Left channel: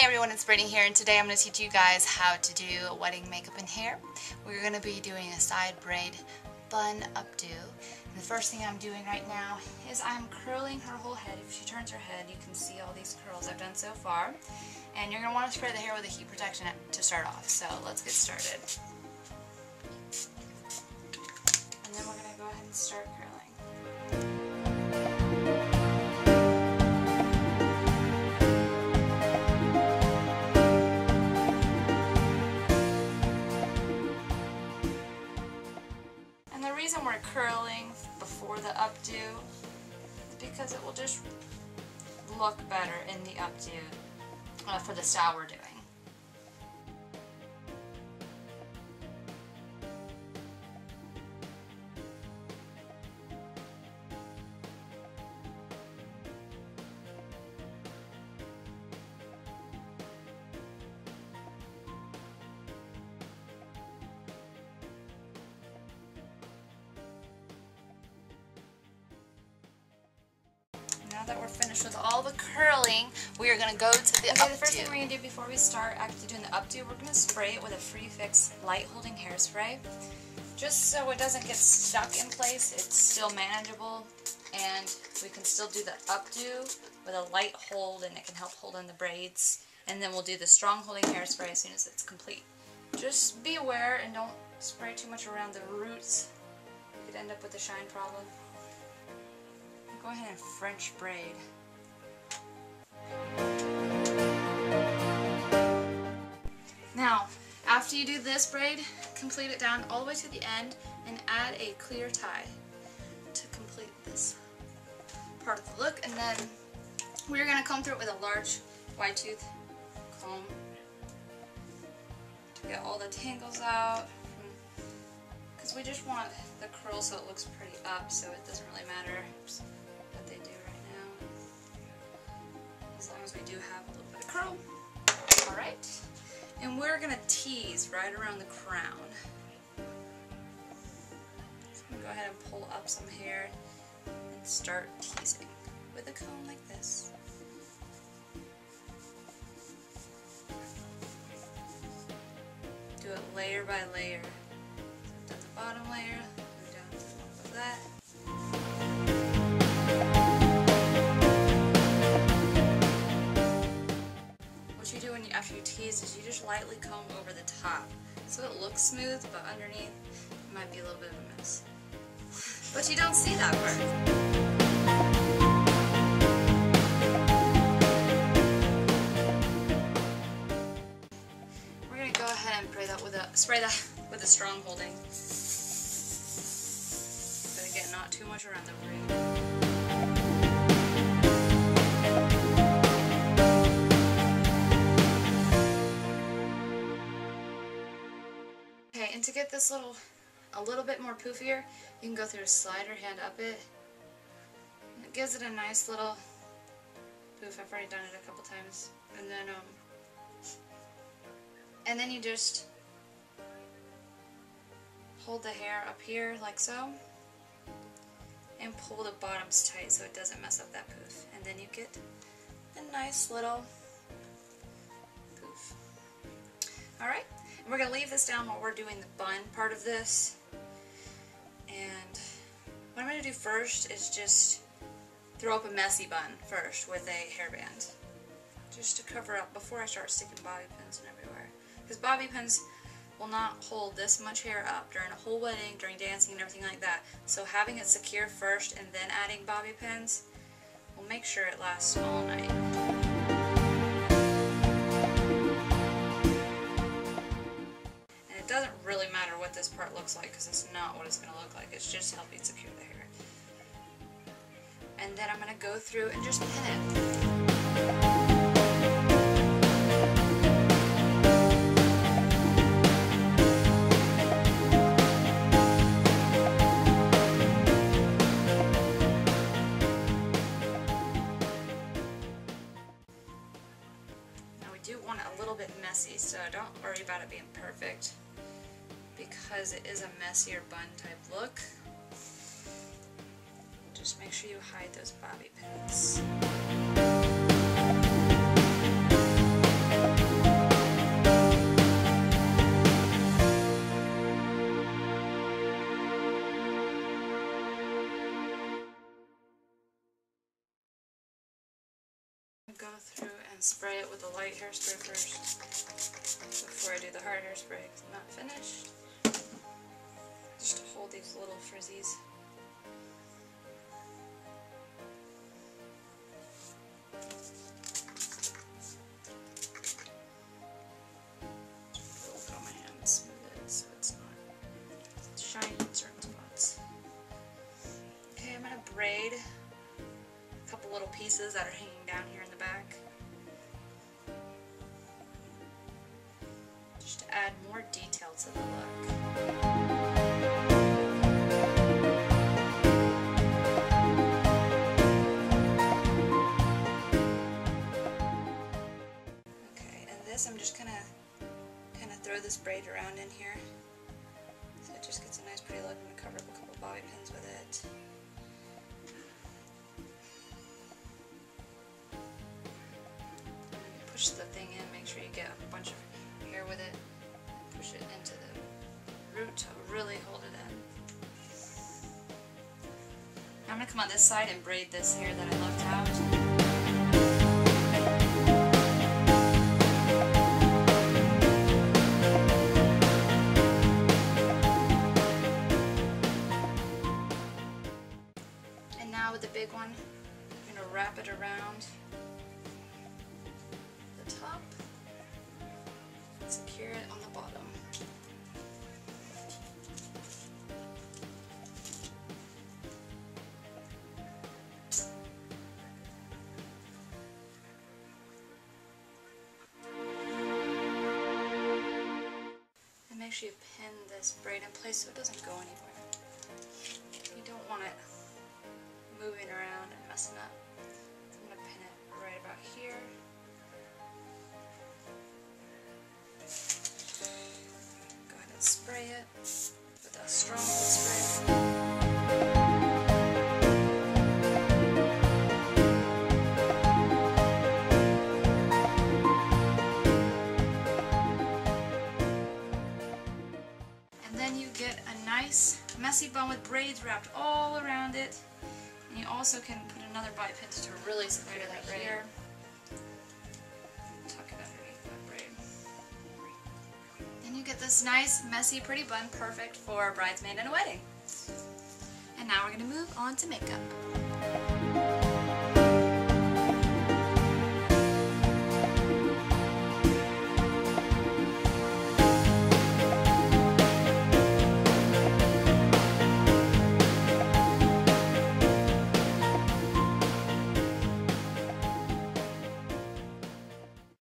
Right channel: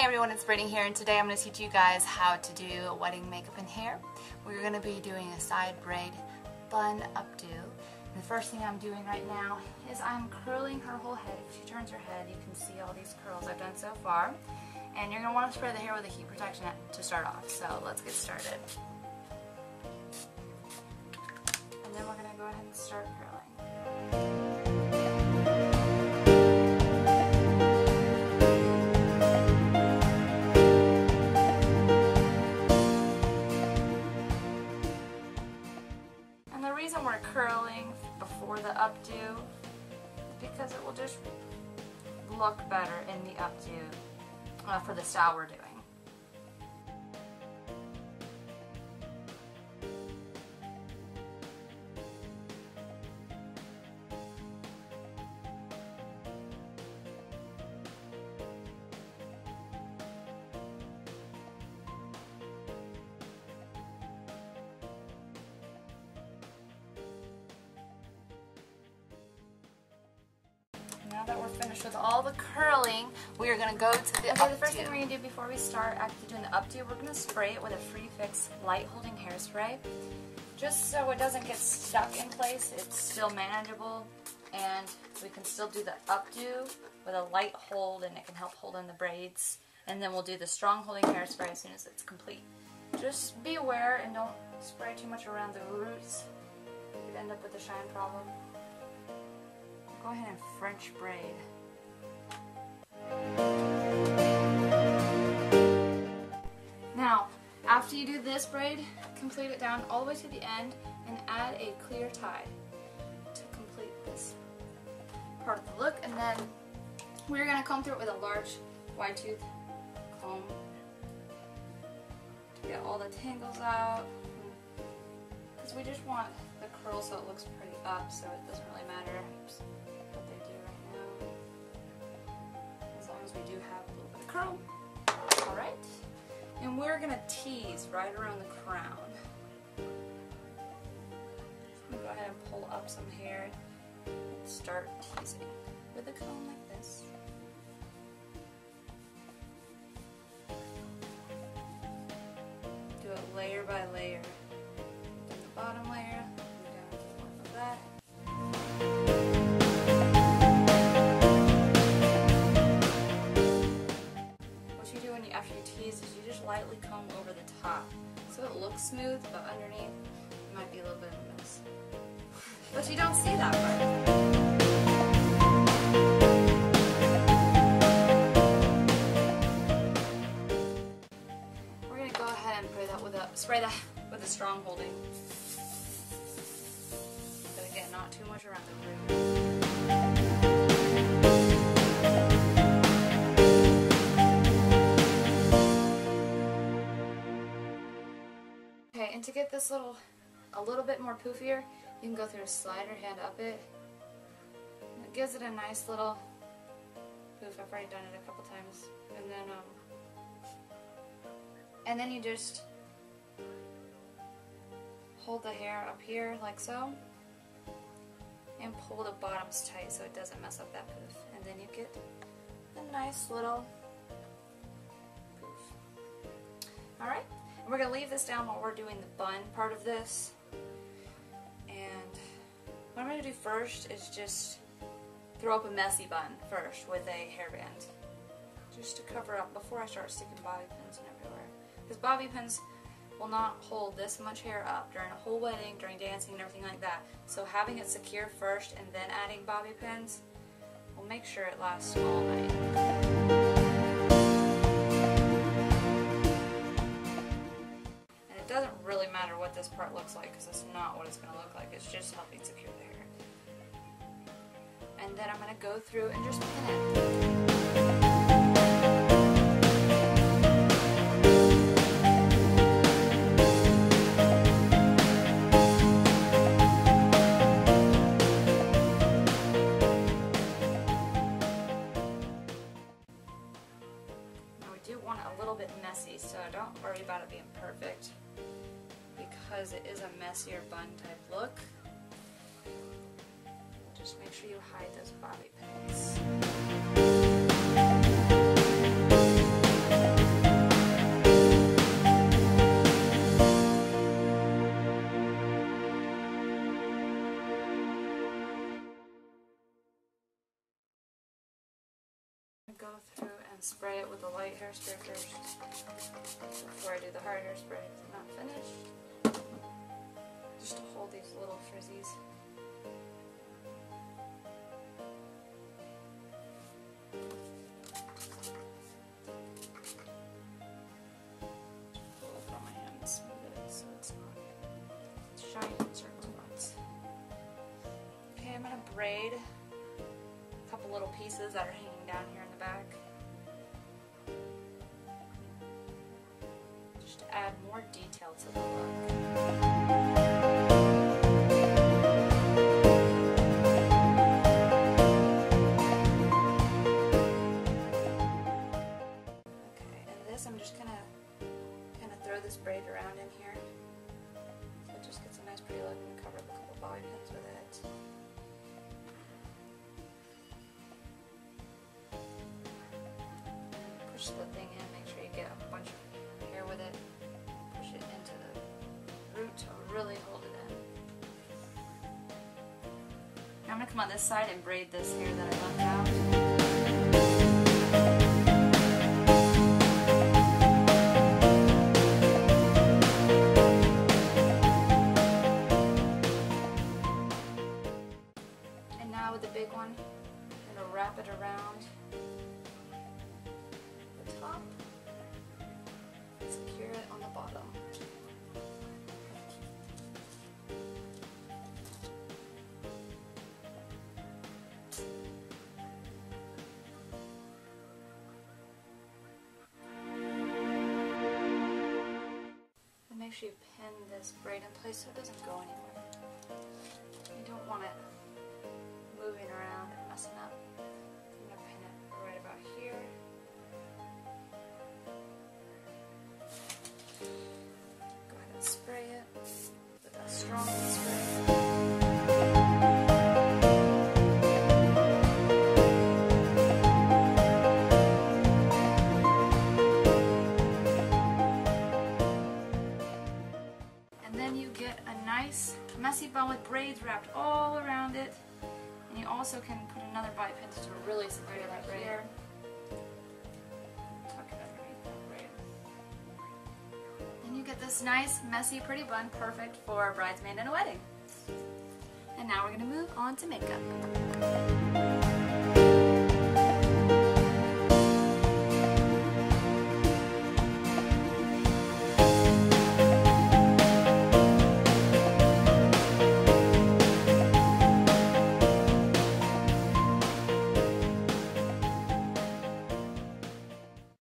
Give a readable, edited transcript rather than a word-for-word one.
Hey everyone, it's Brittany here, and today I'm going to teach you guys how to do wedding makeup and hair. We're going to be doing a side braid bun updo. And the first thing I'm doing right now is I'm curling her whole head. If she turns her head, you can see all these curls I've done so far. And you're going to want to spray the hair with a heat protection to start off. So let's get started. And then we're going to go ahead and start curling. And the reason we're curling before the updo is because it will just look better in the updo for the style we're doing. Now that we're finished with all the curling, we are going to go to the updo. The first thing we're going to do before we start actually doing the updo, we're going to spray it with a Free Fix light holding hairspray. Just so it doesn't get stuck in place, it's still manageable, and we can still do the updo with a light hold, and it can help hold in the braids. And then we'll do the strong holding hairspray as soon as it's complete. Just be aware and don't spray too much around the roots. You could end up with a shine problem. Go ahead and French braid. Now, after you do this braid, complete it down all the way to the end and add a clear tie to complete this part of the look. And then we're going to comb through it with a large wide tooth comb to get all the tangles out. Because we just want the curl so it looks pretty up, so it doesn't really matter what they do right now, as long as we do have a little bit of curl. Alright, and we're going to tease right around the crown. So I'm going to go ahead and pull up some hair and start teasing with a comb like this. Do it layer by layer. Done the bottom layer, move down to the one above that. What you do after you tease is you just lightly comb over the top, so it looks smooth, but underneath it might be a little bit of a mess. But you don't see that part. We're gonna go ahead and spray that with a strong holding. But again, not too much around the root. Okay, and to get this a little bit more poofier, you can go through a slider, hand up it. And it gives it a nice little poof. I've already done it a couple times. And then you just hold the hair up here like so, and pull the bottoms tight so it doesn't mess up that poof. And then you get a nice little poof. Alright, and we're going to leave this down while we're doing the bun part of this. And what I'm going to do first is just throw up a messy bun first with a hairband, just to cover up before I start sticking bobby pins and everywhere. Because bobby pins will not hold this much hair up during a whole wedding, during dancing and everything like that. So having it secure first and then adding bobby pins will make sure it lasts all night. And it doesn't really matter what this part looks like, because it's not what it's going to look like. It's just helping secure the hair. And then I'm going to go through and just pin it. Want it a little bit messy, so don't worry about it being perfect, because it is a messier bun type look. Just make sure you hide those bobby pins. go through and spray it with the light hairspray first before I do the hard hairspray because I'm not finished. Just to hold these little frizzies. Put it on my hand and smooth it so it's not shiny in certain spots. Okay, I'm going to braid a couple little pieces that are hanging down here in the back. Just to add more detail to the look. I'm just gonna kind of throw this braid around in here so it just gets a nice pretty look. I'm gonna cover up a couple bobby pins with it. And then push the thing in, make sure you get a bunch of hair with it, and push it into the root to really hold it in. Now I'm gonna come on this side and braid this hair that I left out. With the big one, I'm going to wrap it around the top, secure it on the bottom. And make sure you pin this braid in place so it doesn't go anywhere. You don't want it moving around and messing up. I'm going to pin it right about here. Go ahead and spray it with that strong wood spray. And then you get a nice messy bun with braids wrapped all around it. And you also can put another bobby pin to really secure that braid here. Tuck it underneath that braid. Then you get this nice, messy, pretty bun, perfect for a bridesmaid and a wedding. And now we're going to move on to makeup.